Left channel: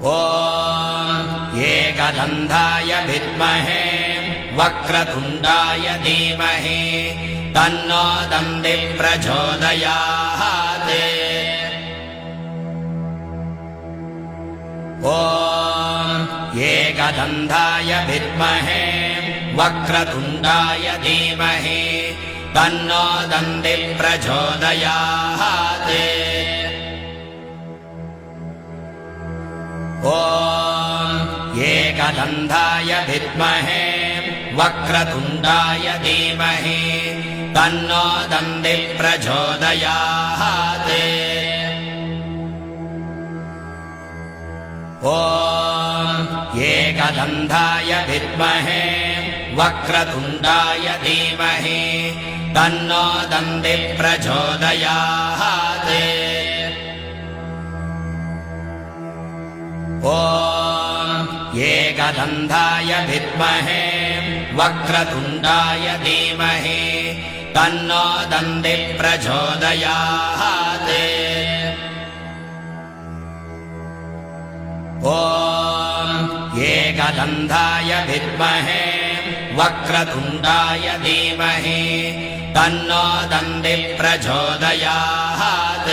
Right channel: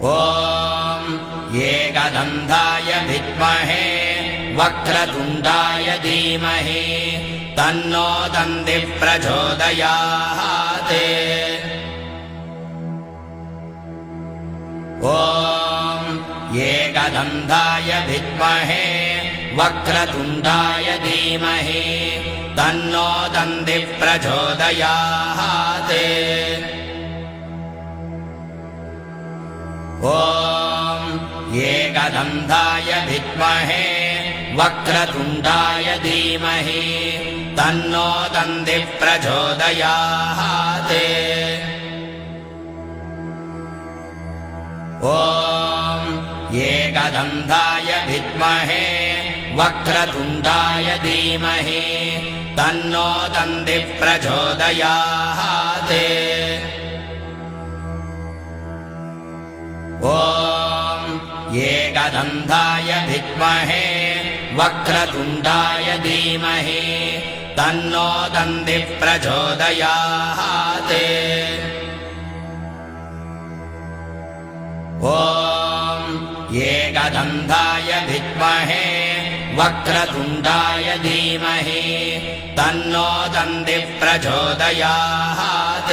ॐ एकदन्ताय विद्महे वक्रतुण्डाय धीमहि तन्नो दन्तिः प्रचोदयात्। ॐ एकदन्ताय विद्महे वक्रतुण्डाय धीमहि तन्नो दन्तिः प्रचोदयात्। ॐ एकदन्ताय विद्महे वक्रतुण्डाय धीमहि तन्नो दन्तिः प्रचोदयात्। ॐ एकदन्ताय विद्महे वक्रतुण्डाय धीमहि तन्नो दन्तिः प्रचोदयात्। ॐ एकदन्ताय विद्महे वक्रतुण्डाय धीमहि तन्नो दन्तिः प्रचोदयात्। ॐ एकदन्ताय विद्महे वक्रतुण्डाय धीमहि तन्नो दन्तिः प्रचोदयात्।